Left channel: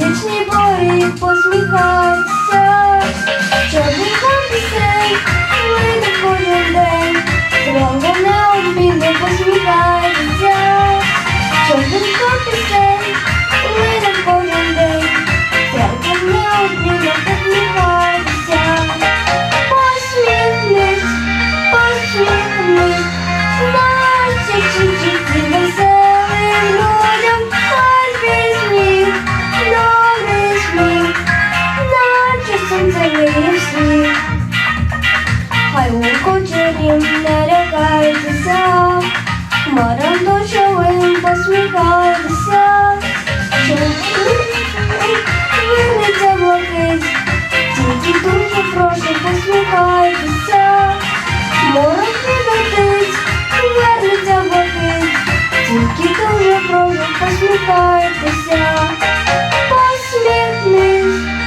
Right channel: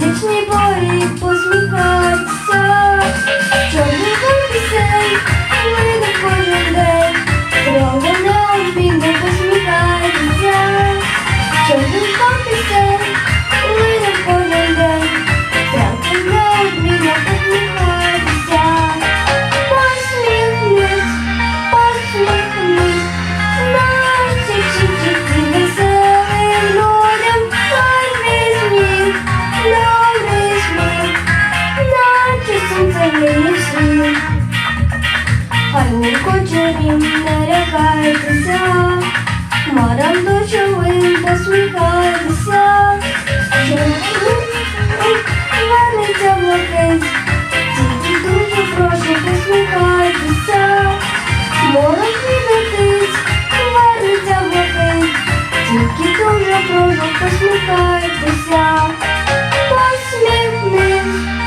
сонячній порі посміхатися, чорний пісень, вийде кожен день, Трога на обіду посміхатися, чорний пісень, лукочерім не лякайтеся, хмарам дощовим посміхайтеся, вернеться блакить, тільки дуже прошу посміхайтеся, морок летить, вернеться блакить, тільки дуже прошу посміхайтеся, посміхнись,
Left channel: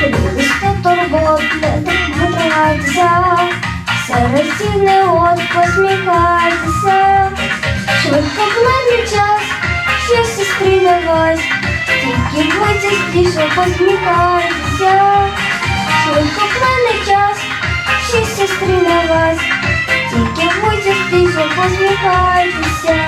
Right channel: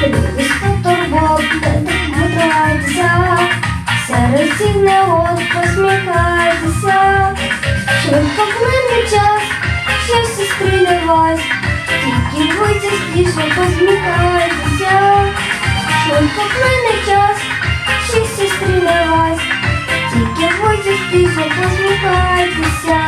Подивися турбот, не відвертайтеся, серед всіх негод посміхайтеся, швидко плине час, що сестри не вас, тільки ви частіше посміхайтеся, швидко плине час, що сестри не вас, тільки ви частіше посміхайтеся.